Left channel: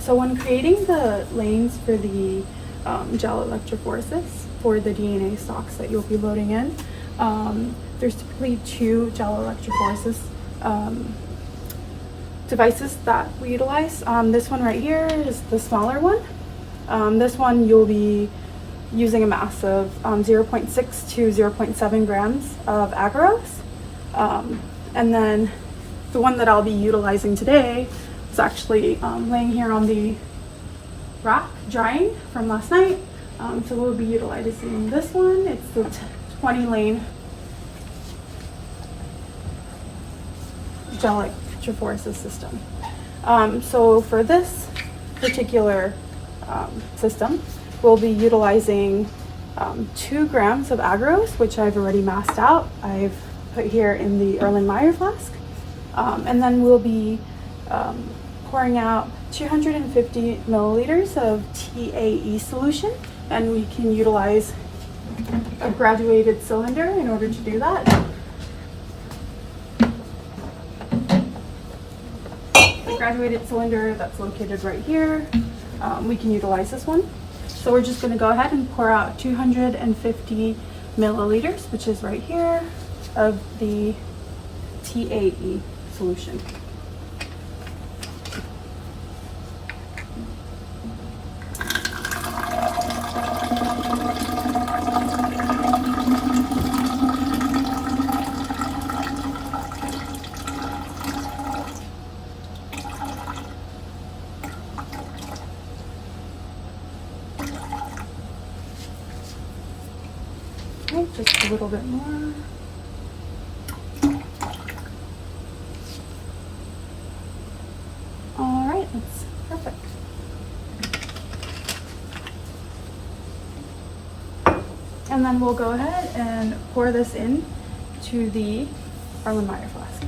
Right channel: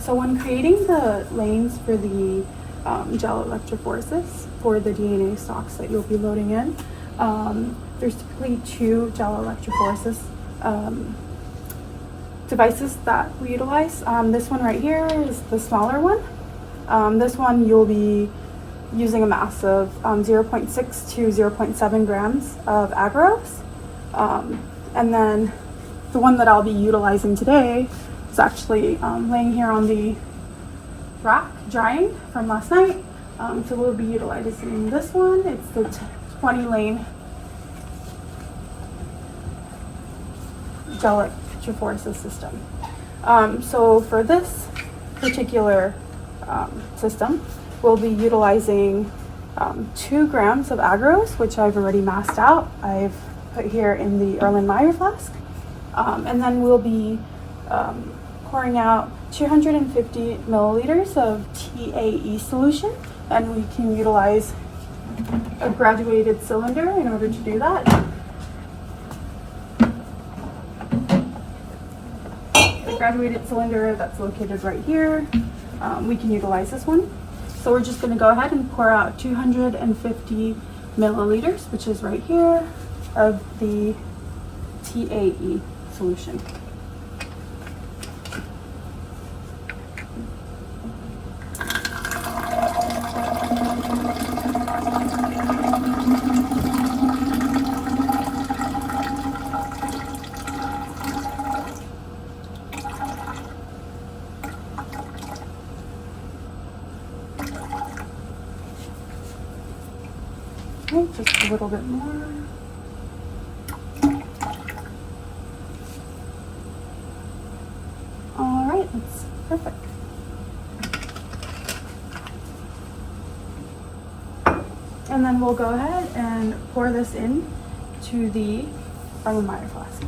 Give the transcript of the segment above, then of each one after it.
So when creating the lanes for the gel electrophoresis for the DNA stocks that you'll be loading in, there's typically two gel electrophoresis devices that we utilize. This one right here is the smaller one. This one you'll be using a mass of 0.6 to 0.7 grams of agarose. And then the one that I'll be utilizing today is actually laying here on the rack drying from last night. So we'll be utilizing this one. It's the 20 lane gel electrophoresis system. So for this particular system, we'll be utilizing 2 grams of agarose, which I've already masked out. I've put here in the Erlenmeyer flask. And then we'll be pouring out 250 milliliters of TAE solution, and we can utilize a graduated cylinder in order to do that. The graduated cylinder that's located right here, we can utilize this one. So we're just going to go ahead and pour out 250 milliliters, which is right here, of the TAE solution. Okay, just a little bit more. All right, that's perfect. And then we'll go ahead and pour this in to the Erlenmeyer flask.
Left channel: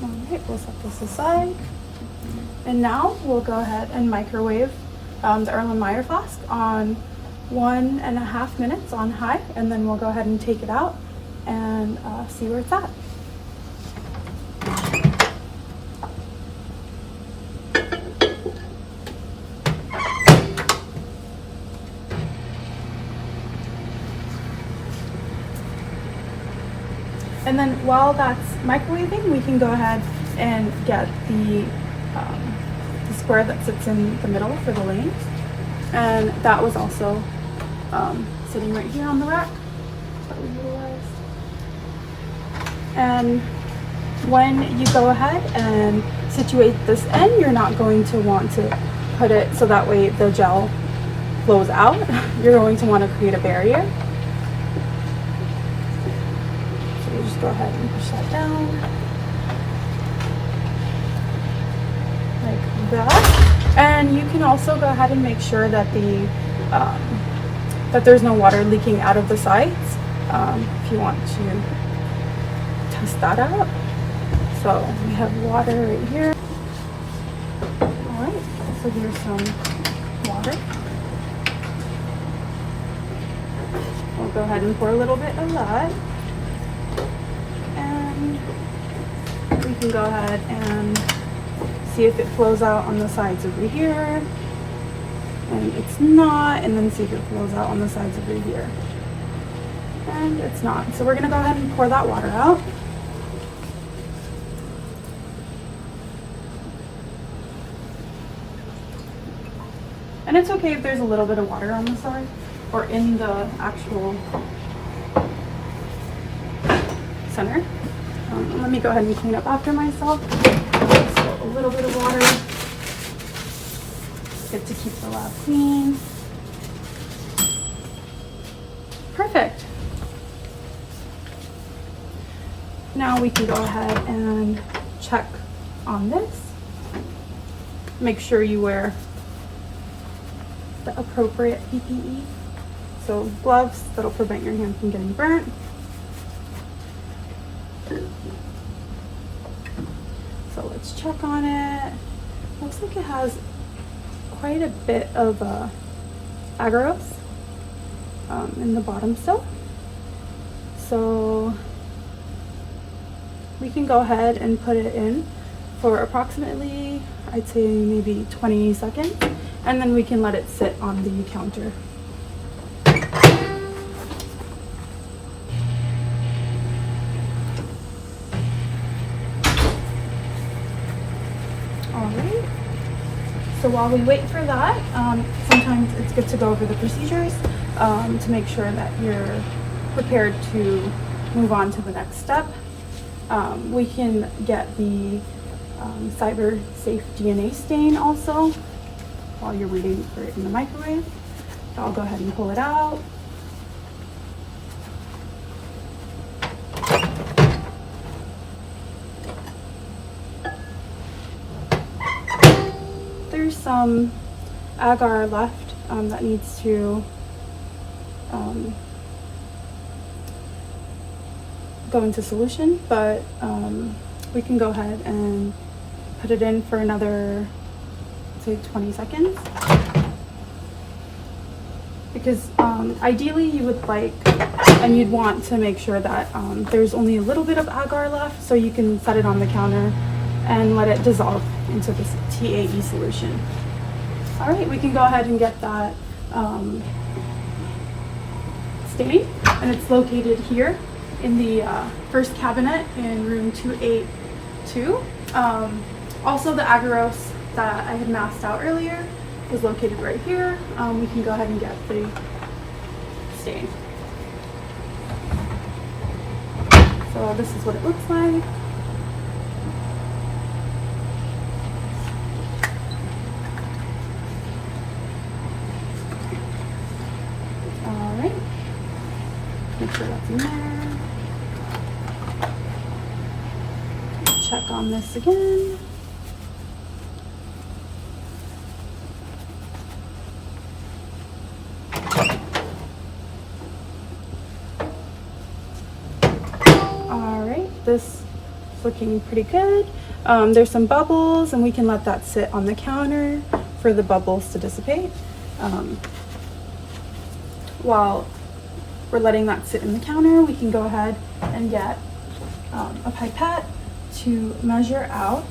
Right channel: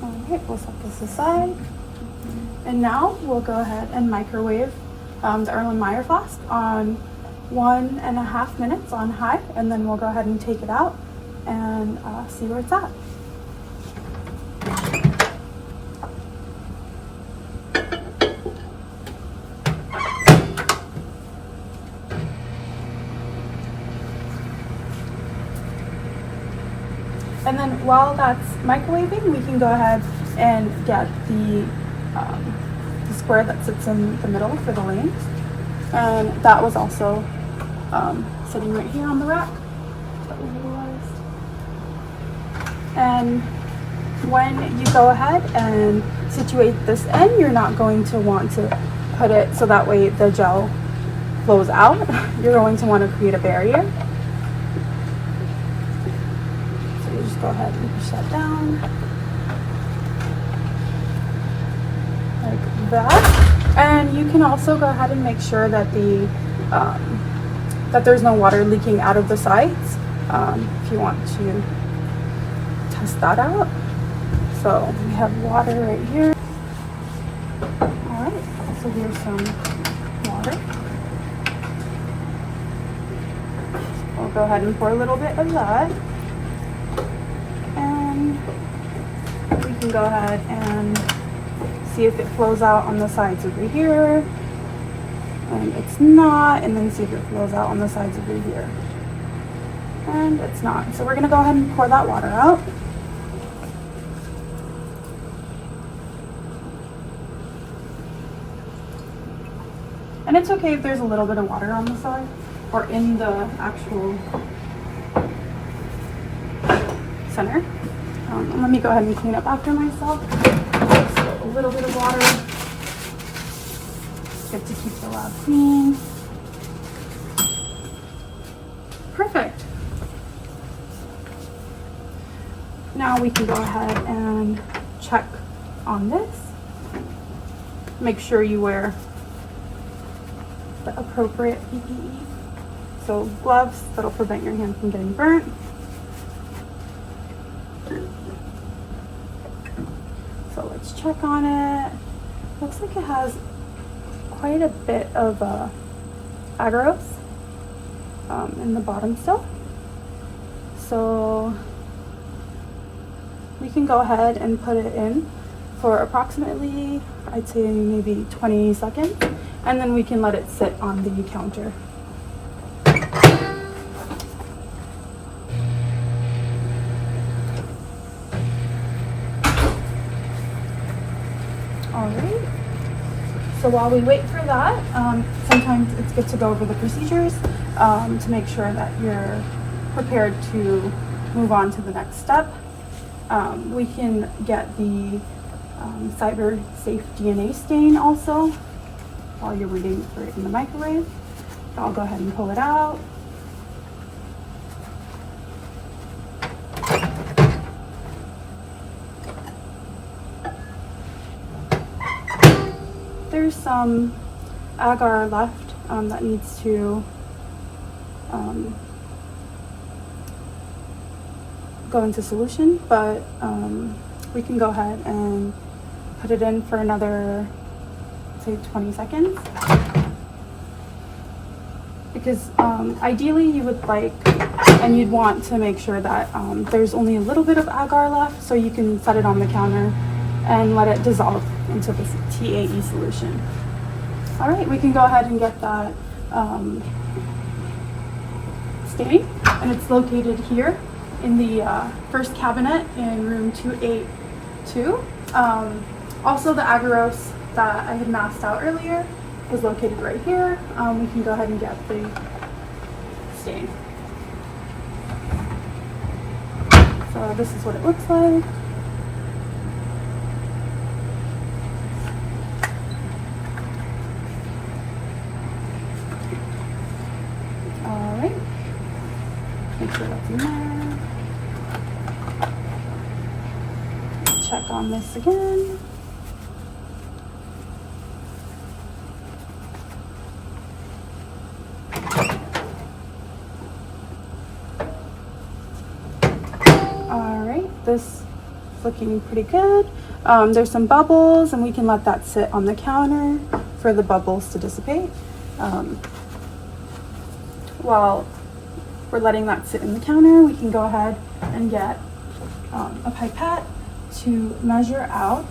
All right, we'll set this aside. And now we'll go ahead and microwave the Erlenmeyer flask on 1.5 minutes on high, and then we'll go ahead and take it out and see where it's at. And then while that's microwaving, we can go ahead and get the square that sits in the middle for the lanes. And that was also sitting right here on the rack that we utilized. And when you go ahead and situate this in, you're not going to want to put it so that way the gel flows out. You're going to want to create a barrier. So you just go ahead and push that down like that. And you can also go ahead and make sure that that there's no water leaking out of the sides if you want to test that out. So we have water right here. All right, so here's some water. We'll go ahead and pour a little bit of that. And we can go ahead and see if it flows out on the sides over here. And it's not, and then see if it flows out on the sides over here. And it's not. So we're gonna go ahead and pour that water out. And it's okay if there's a little bit of water on the side or in the actual center. Let me go ahead and clean up after myself. So a little bit of water. Good to keep the lab clean. Perfect. Now we can go ahead and check on this. Make sure you wear the appropriate PPE. So gloves that'll prevent your hand from getting burnt. So let's check on it. Looks like it has quite a bit of agarose in the bottom still. So we can go ahead and put it in for approximately, I'd say maybe 20 seconds, and then we can let it sit on the counter. Alright, so while we wait for that, sometimes it's good to go over the procedures to make sure that you're prepared to move on to the next step. We can get the cyber safe DNA stain also while you're waiting for it in the microwave. So I'll go ahead and pull it out. There's some agar left that needs to go into solution, but we can go ahead and put it in for another, say, 20 seconds. Because ideally you would like, and you'd want to make sure that there's only a little bit of agar left, so you can set it on the counter and let it dissolve into this TAE solution. All right, we can go ahead and get that stain, and it's located here in the first cabinet in room 282. Also, the agarose that I had masked out earlier is located right here. We can go ahead and get the stain. So this is what it looks like. All right, make sure that's in there. Check on this again. All right, this is looking pretty good. There's some bubbles, and we can let that sit on the counter for the bubbles to dissipate. While we're letting that sit in the counter, we can go ahead and get a pipette to measure out.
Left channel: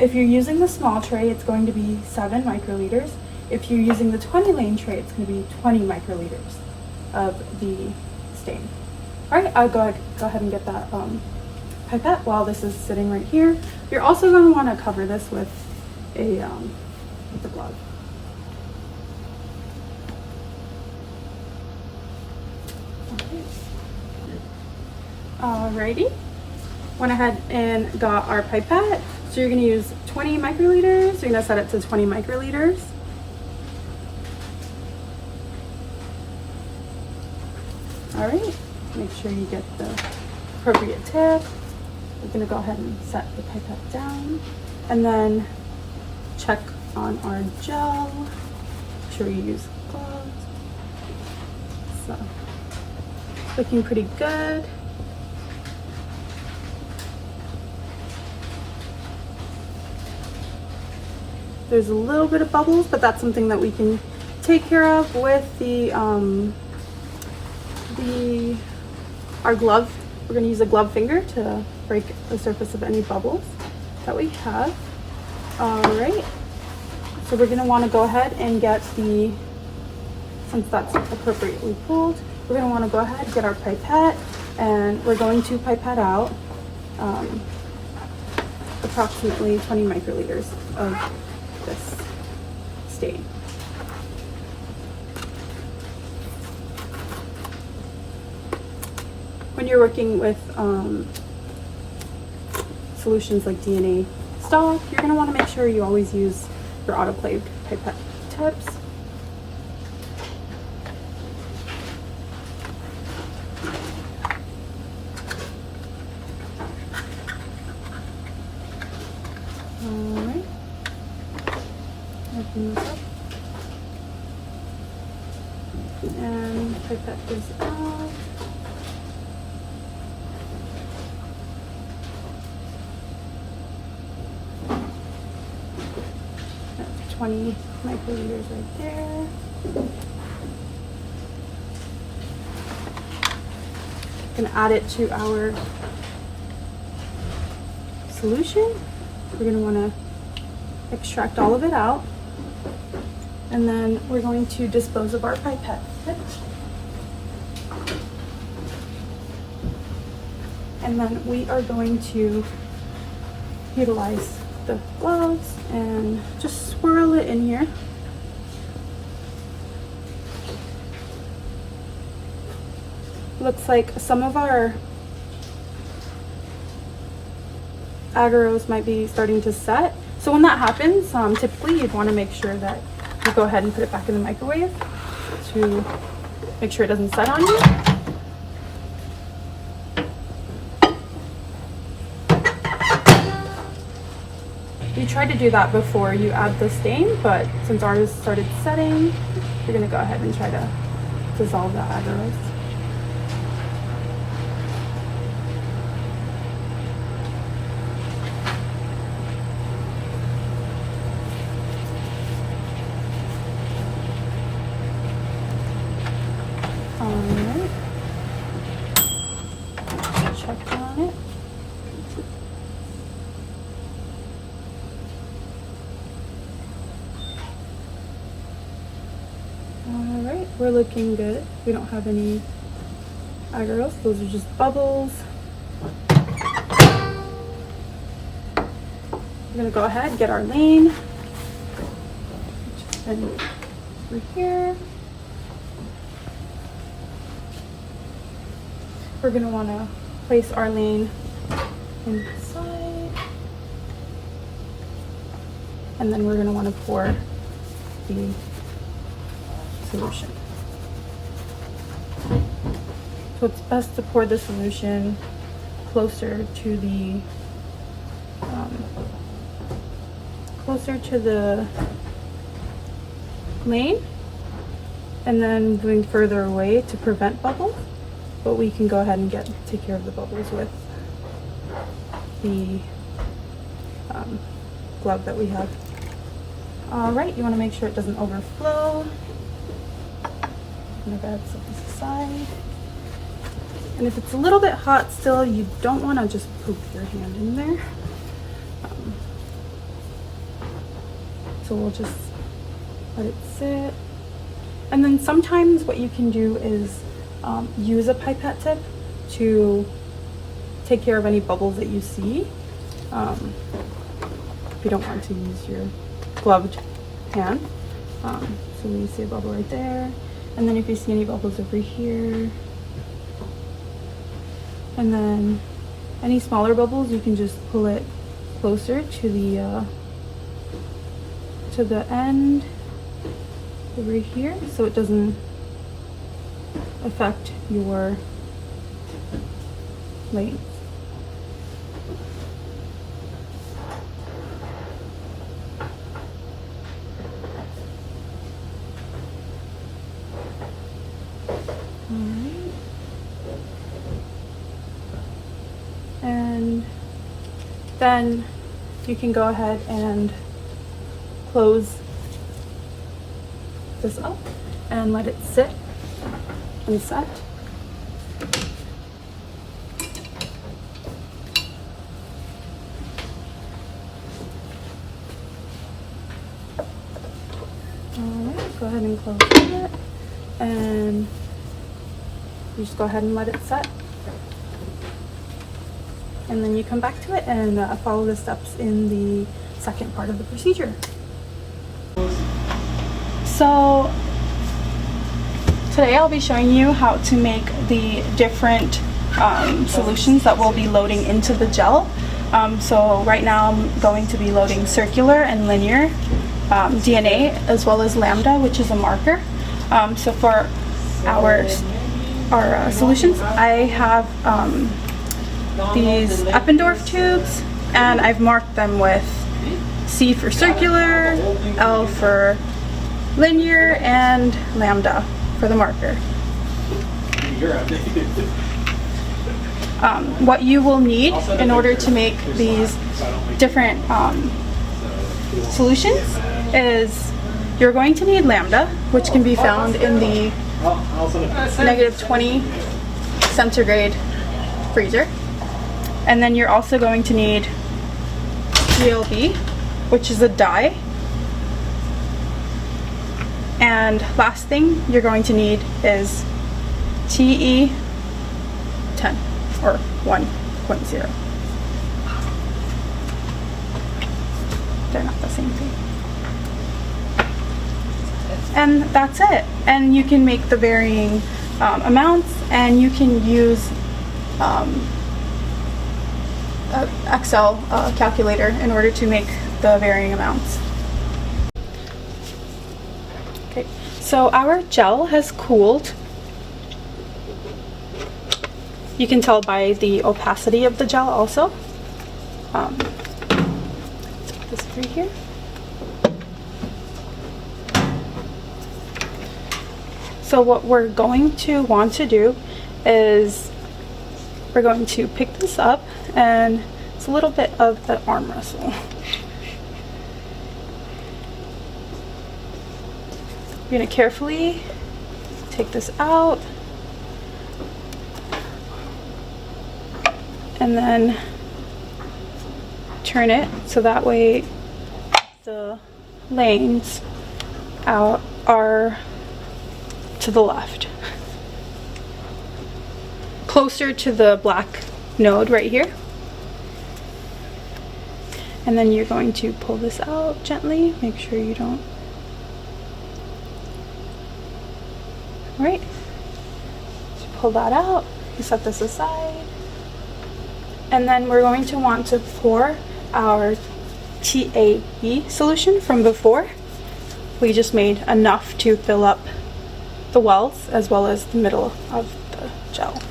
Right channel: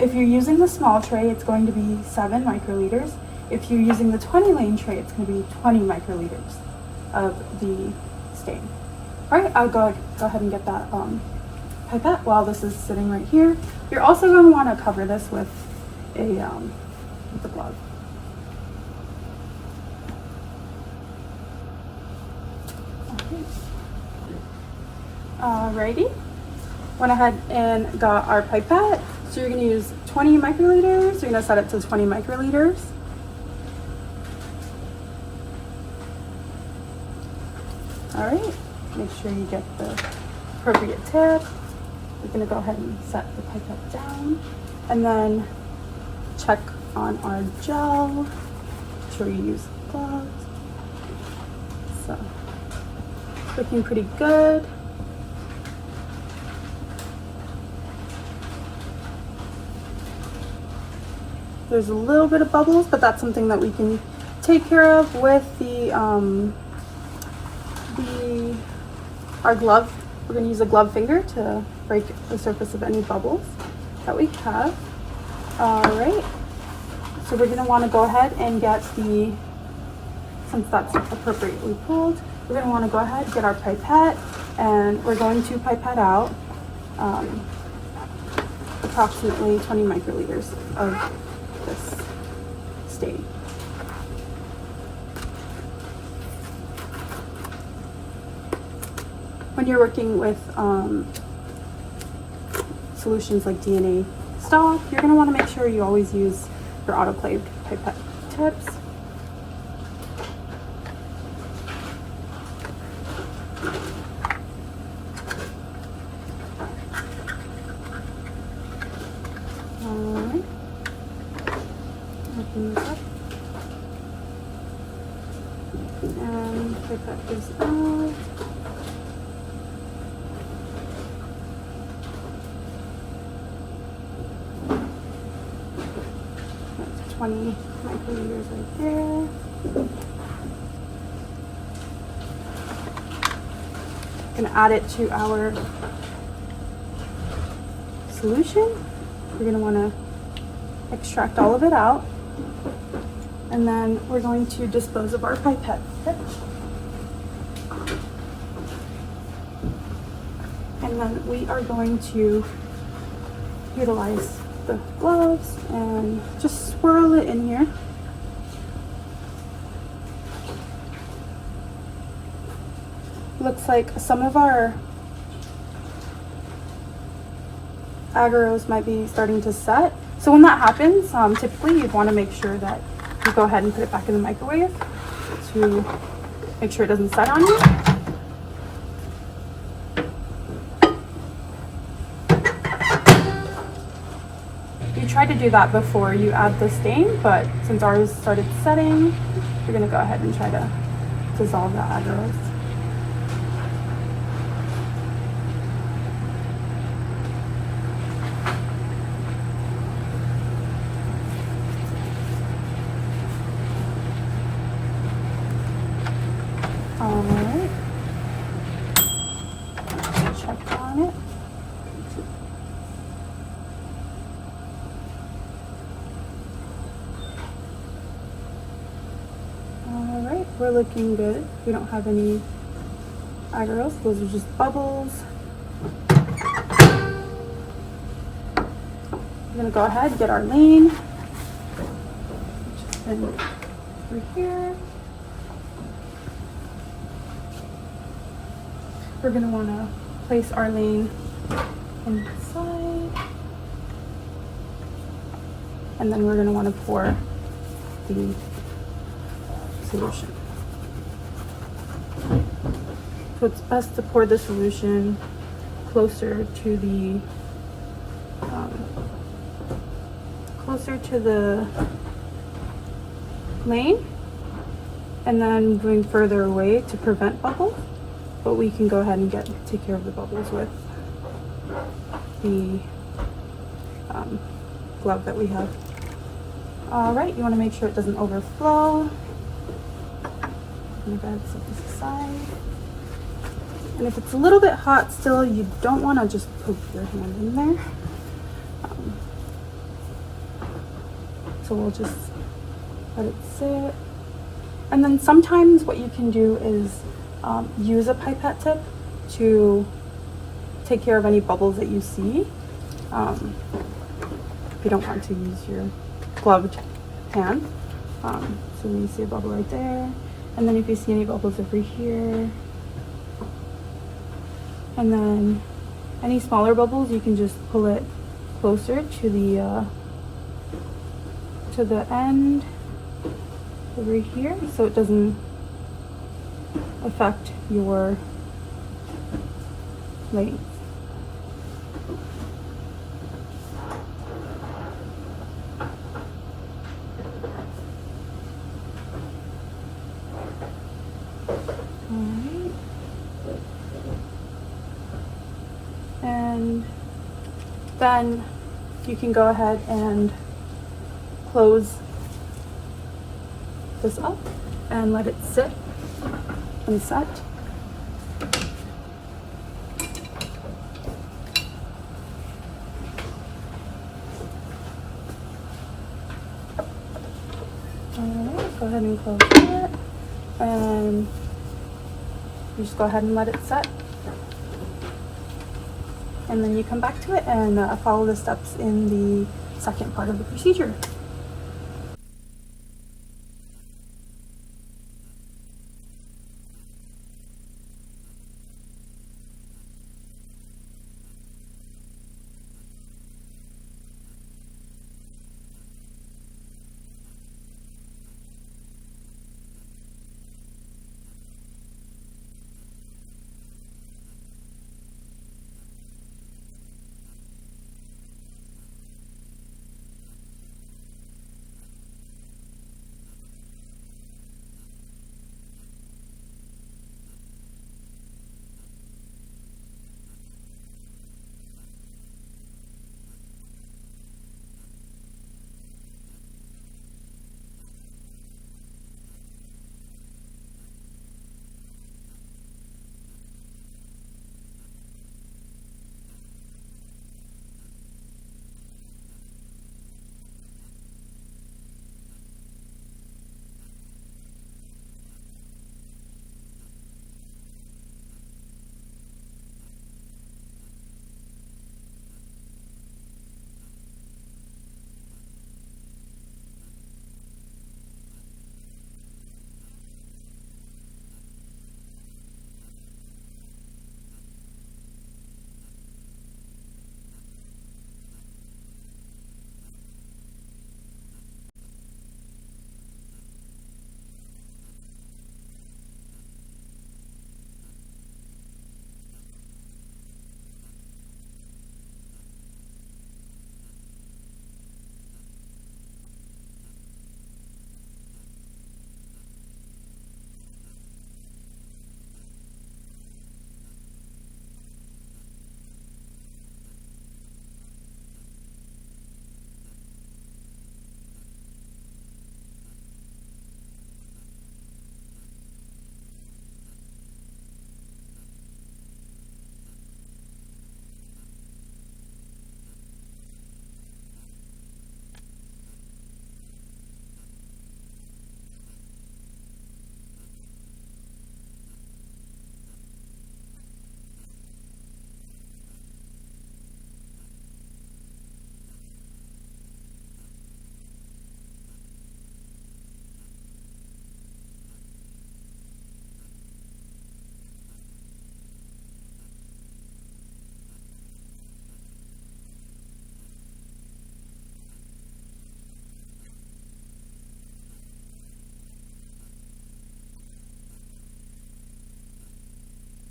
If you're using the small tray, it's going to be 7 microliters. If you're using the 20 lane tray, it's going to be 20 microliters of the stain. All right, I'll go ahead and get that pipette while this is sitting right here. You're also going to want to cover this with a glove. Alrighty, went ahead and got our pipette. So you're going to use 20 microliters. You're going to set it to 20 microliters. Alright, make sure you get the appropriate tip. We're going to go ahead and set the pipette down, and then check on our gel. Make sure you use gloves. So, looking pretty good. There's a little bit of bubbles, but that's something that we can take care of with our glove. We're going to use a glove finger to break the surface of any bubbles that we have. All right, so we're going to want to go ahead and get since that's appropriately pulled, we're going to want to go ahead and get our pipette, and we're going to pipette out approximately 20 microliters of this stain. When you're working with solutions like DNA stock, you're going to want to make sure you always use your autoclaved pipette tips. Alright, open this up, and pipette this out. 20 microliters right there. Gonna add it to our solution. We're gonna wanna extract all of it out. And then we're going to dispose of our pipette. And then we are going to utilize the gloves and just swirl it in here. Looks like some of our agarose might be starting to set. So when that happens, typically you'd want to make sure that you go ahead and put it back in the microwave to make sure it doesn't set on you. You try to do that before you add the stain, but since ours started setting, you're going to go ahead and try to dissolve the agarose. Alright, check on it. Alright, we're looking good. We don't have any agarose, those are just bubbles. We're gonna go ahead and get our lane, which has been over here. We're going to want to place our lane inside, and then we're going to want to pour the solution. So it's best to pour the solution closer to the lane, and then moving further away to prevent bubbles. But we can go ahead and take care of the bubbles with the glove that we have. All right, you want to make sure it doesn't overflow. I'm gonna go ahead and set this aside. And if it's a little bit hot still, you don't want to just poke your hand in there. So we'll just let it sit. And then sometimes what you can do is use a pipette tip to take care of any bubbles that you see. If you don't want to use your gloved hand. So when you see a bubble right there, and then if you see any bubbles over here, and then any smaller bubbles, you can just pull it closer to the end over here, so it doesn't affect your lane. Alright. And then you can go ahead and close this up and let it sit and set. Alright, go ahead and close it, and you just go ahead and let it set. And then you come back to it and follow the steps in the second part of the procedure. So today I'll be showing you how to make the different solutions that we'll be loading into the gel. So right now I'm going to be loading circular and linear DNA, as well as lambda, which is a marker. So for our solutions, I have these Eppendorf tubes, and I've marked them with C for circular, L for linear, and lambda for the marker. What you will need in order to make these different solutions is you're going to need lambda, which can be found in the -20 centigrade freezer. And then you're also going to need GLB, which is a dye. And last thing you're going to need is TE10 or 1.0. They're not the same thing. And that's it. And you can make the varying amounts, and you can use an Excel calculator in order to make the varying amounts. Okay, so our gel has cooled. You can tell by the opacity of the gel also. Let's put this through here. So what we're going to want to do is we're going to pick this up, and it's a little bit of the arm wrestle. You're going to carefully take this out and then turn it so that way the lanes out are to the left, closer to the black node right here. And then you're going to pull this out gently, make sure you don't. All right, so pull that out, you set this aside, and then we're going to want to pour our TAE solution from before. We just made enough to fill up the wells as well as the middle of the gel.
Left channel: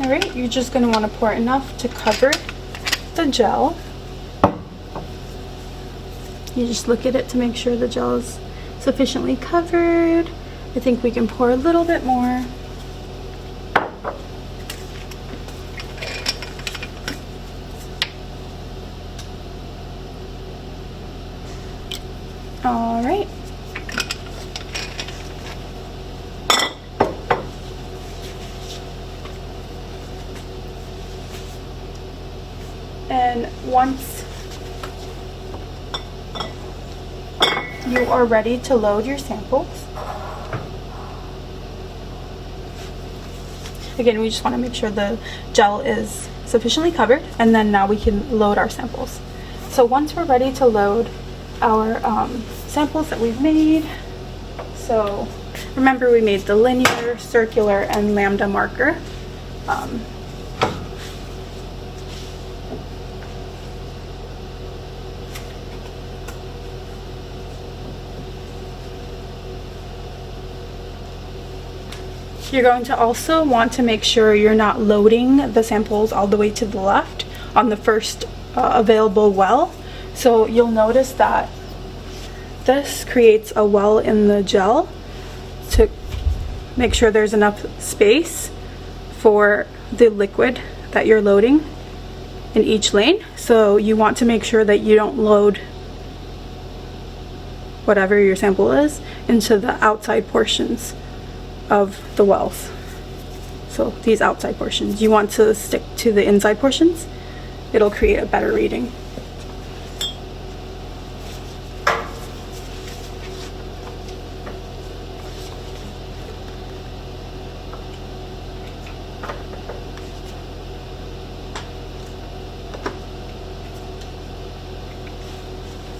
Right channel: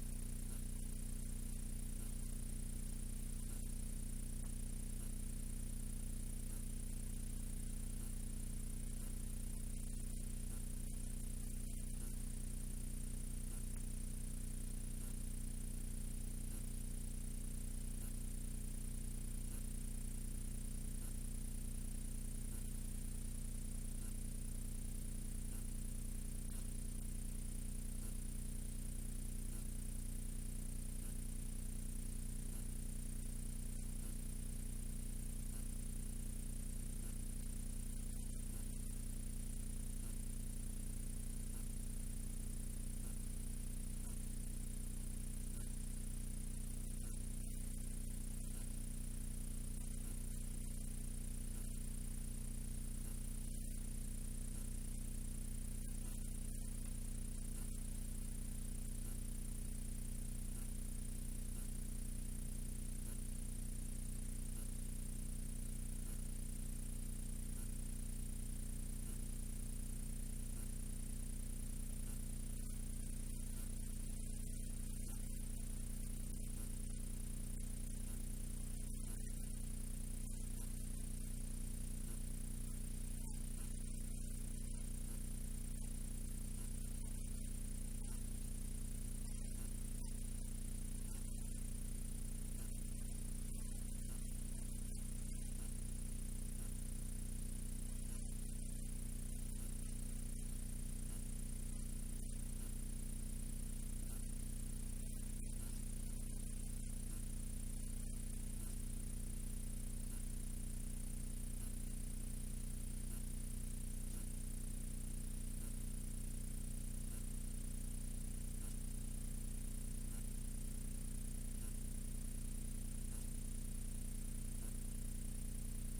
Alright, you're just going to want to pour enough to cover the gel. You just look at it to make sure the gel is sufficiently covered. I think we can pour a little bit more. Alright. And once you are ready to load your samples, again, we just want to make sure the gel is sufficiently covered, and then now we can load our samples. So once we're ready to load our samples that we've made, so remember we made the linear, circular, and lambda marker. You're going to also want to make sure you're not loading the samples all the way to the left on the first available well. So you'll notice that this creates a well in the gel to make sure there's enough space for the liquid that you're loading in each lane. So you want to make sure that you don't load whatever your sample is into the outside portions of the wells. So these outside portions, you want to stick to the inside portions. It'll create a better reading.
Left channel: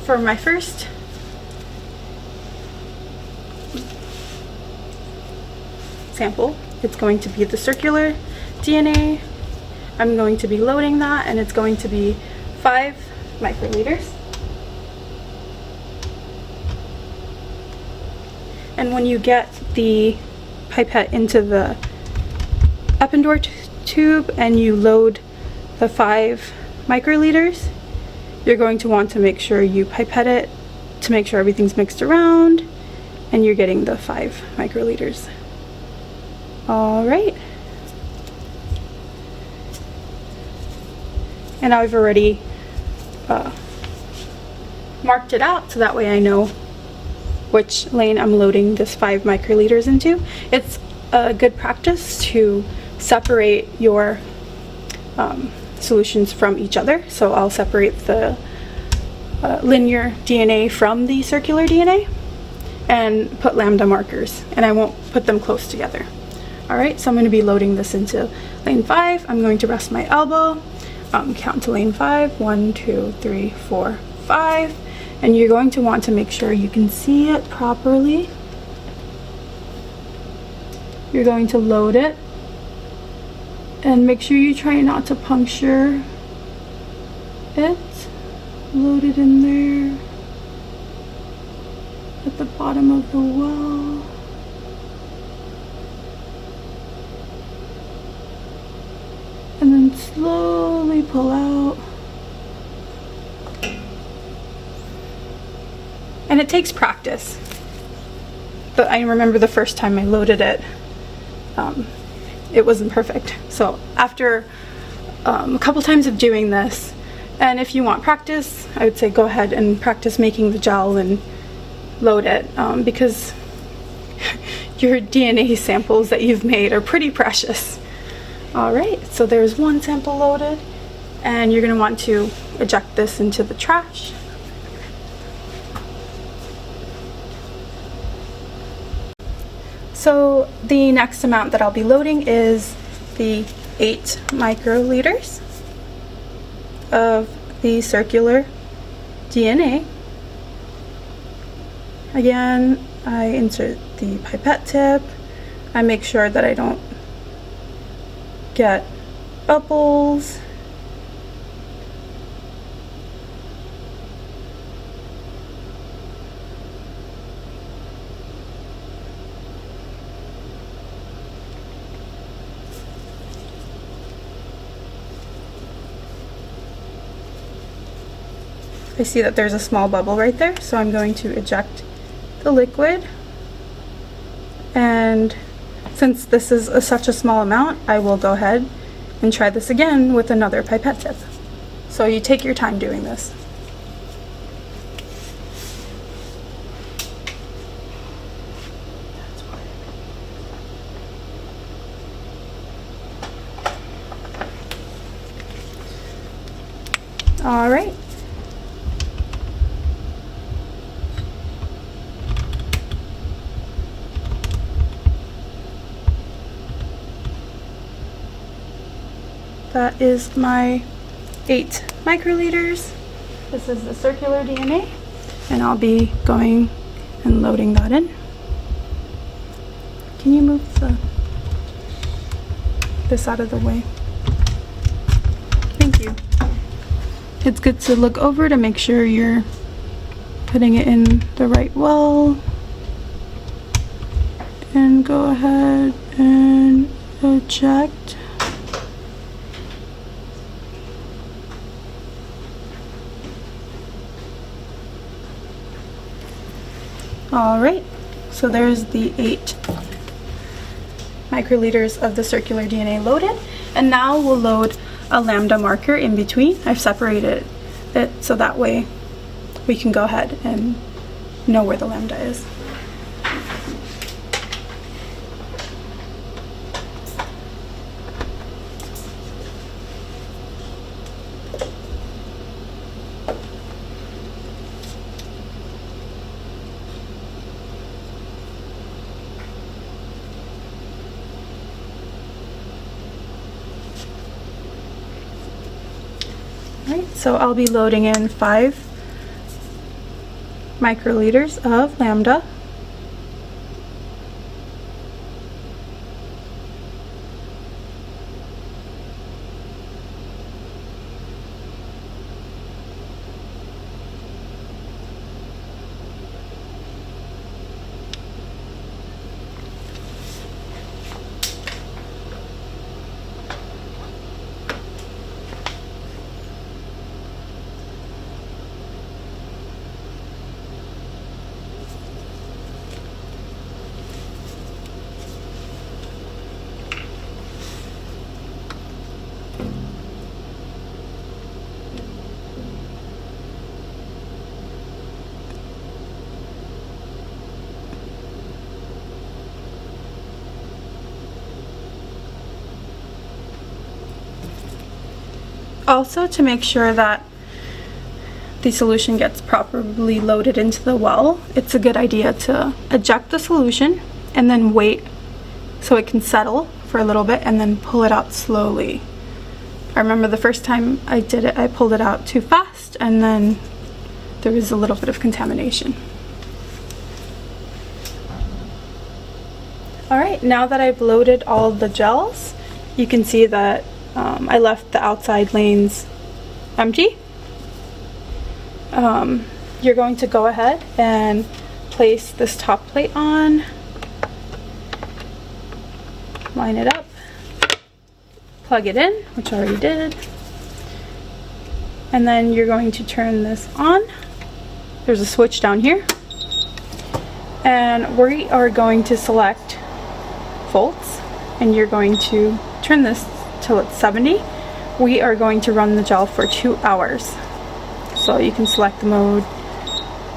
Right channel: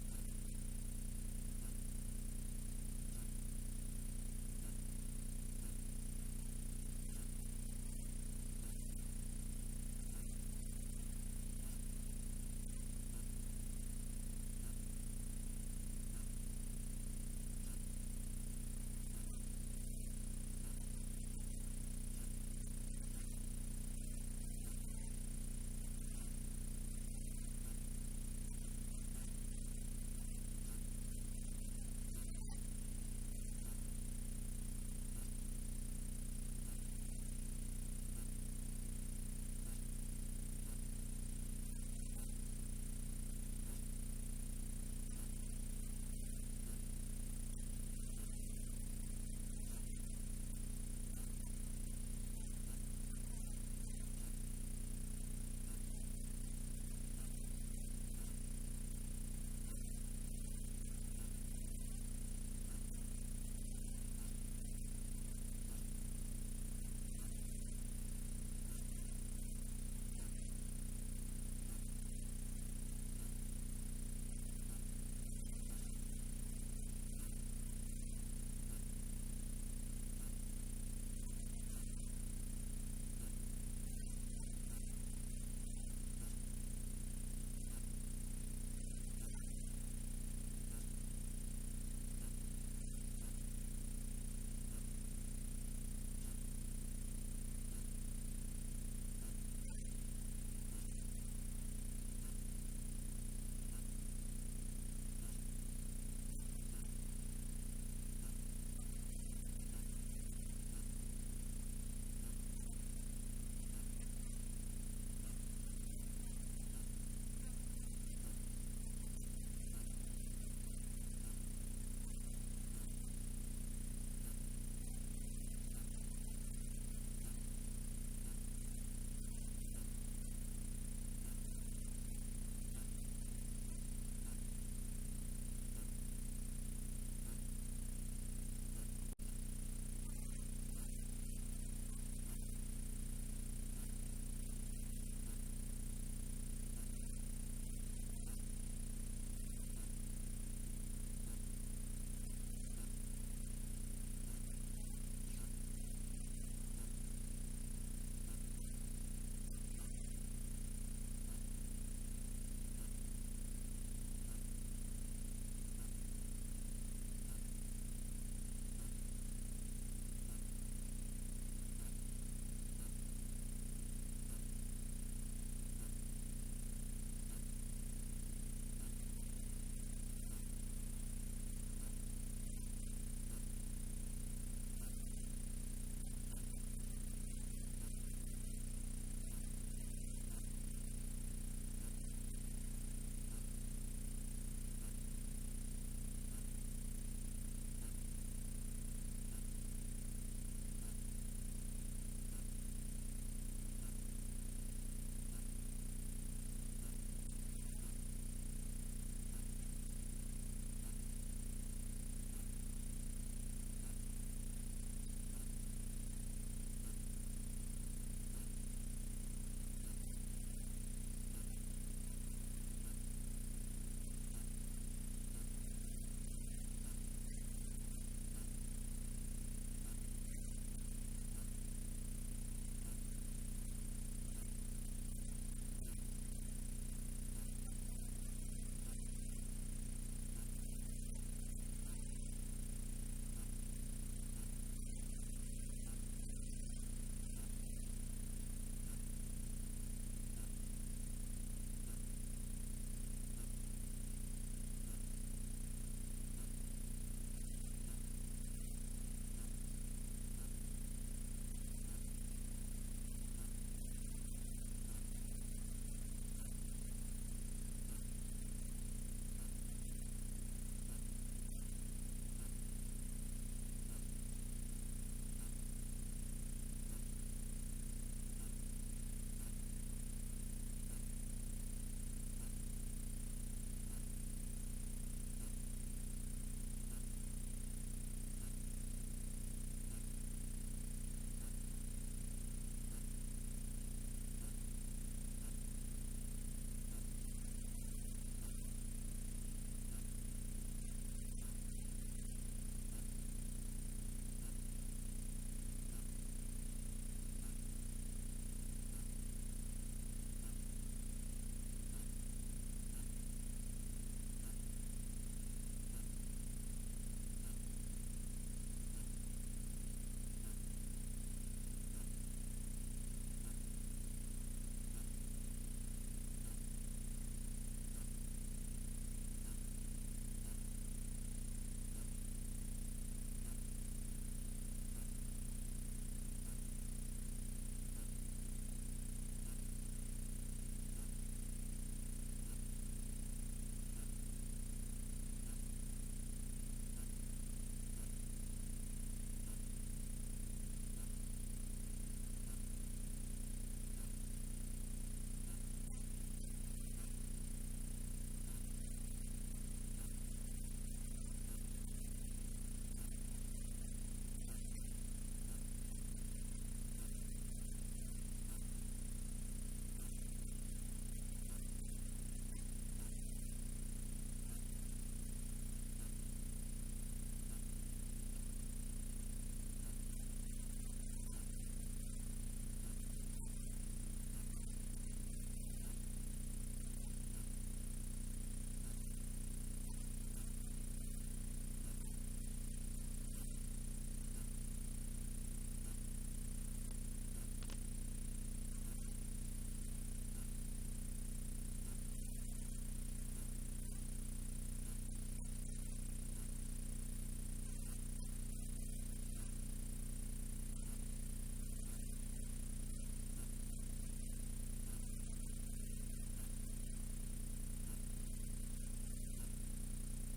For my first sample, it's going to be the circular DNA. I'm going to be loading that, and it's going to be 5 microliters. And when you get the pipette into the Eppendorf tube and you load the 5 microliters, you're going to want to make sure you pipette it to make sure everything's mixed around and you're getting the 5 microliters. All right. And I've already marked it out so that way I know which lane I'm loading this 5 microliters into. It's a good practice to separate your solutions from each other. So I'll separate the linear DNA from the circular DNA and put lambda markers, and I won't put them close together. All right, so I'm going to be loading this into lane 5. I'm going to rest my elbow, count to lane 5, 1, 2, 3, 4, 5, and you're going to want to make sure you can see it properly. You're going to load it and make sure you try not to puncture it. Load it in there at the bottom of the well. And then slowly pull out. And it takes practice. But I remember the first time I loaded it, it wasn't perfect. So after a couple times of doing this, and if you want practice, I would say go ahead and practice making the gel and load it, because your DNA samples that you've made are pretty precious. All right, so there's one sample loaded, and you're going to want to eject this into the trash. So the next amount that I'll be loading is the 8 microliters of the circular DNA. Again, I insert the pipette tip. I make sure that I don't get bubbles. I see that there's a small bubble right there, so I'm going to eject the liquid. And since this is such a small amount, I will go ahead and try this again with another pipette tip. So you take your time doing this. All right. That is my 8 microliters. This is the circular DNA, and I'll be going and loading that in. Can you move this out of the way? Thank you. It's good to look over to make sure you're putting it in the right well. And go ahead and eject. All right, so there's the 8 microliters of the circular DNA loaded, and now we'll load a lambda marker in between. I've separated it so that way we can go ahead and know where the lambda is. So I'll be loading in 5 microliters of lambda. Also, to make sure that the solution gets properly loaded into the well, it's a good idea to eject the solution and then wait so it can settle for a little bit and then pull it out slowly. I remember the first time I did it, I pulled it out too fast and then there was a little bit of contamination. Alright, now that I've loaded all the gels, you can see that I left the outside lanes empty. You're going to go ahead and place this top plate on, line it up, plug it in, which I already did, and then you're going to turn this on. There's a switch down here, and we are going to select volts, and you're going to turn this till it's 70. We are going to run the gel for 2 hours. So you can select the mode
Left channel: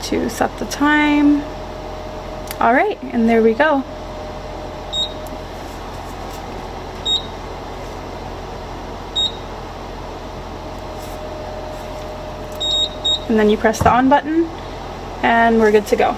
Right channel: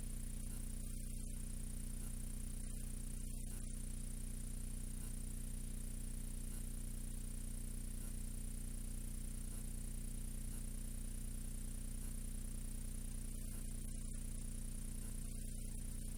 to set the time. Alright, and there we go. And then you press the on button and we're good to go.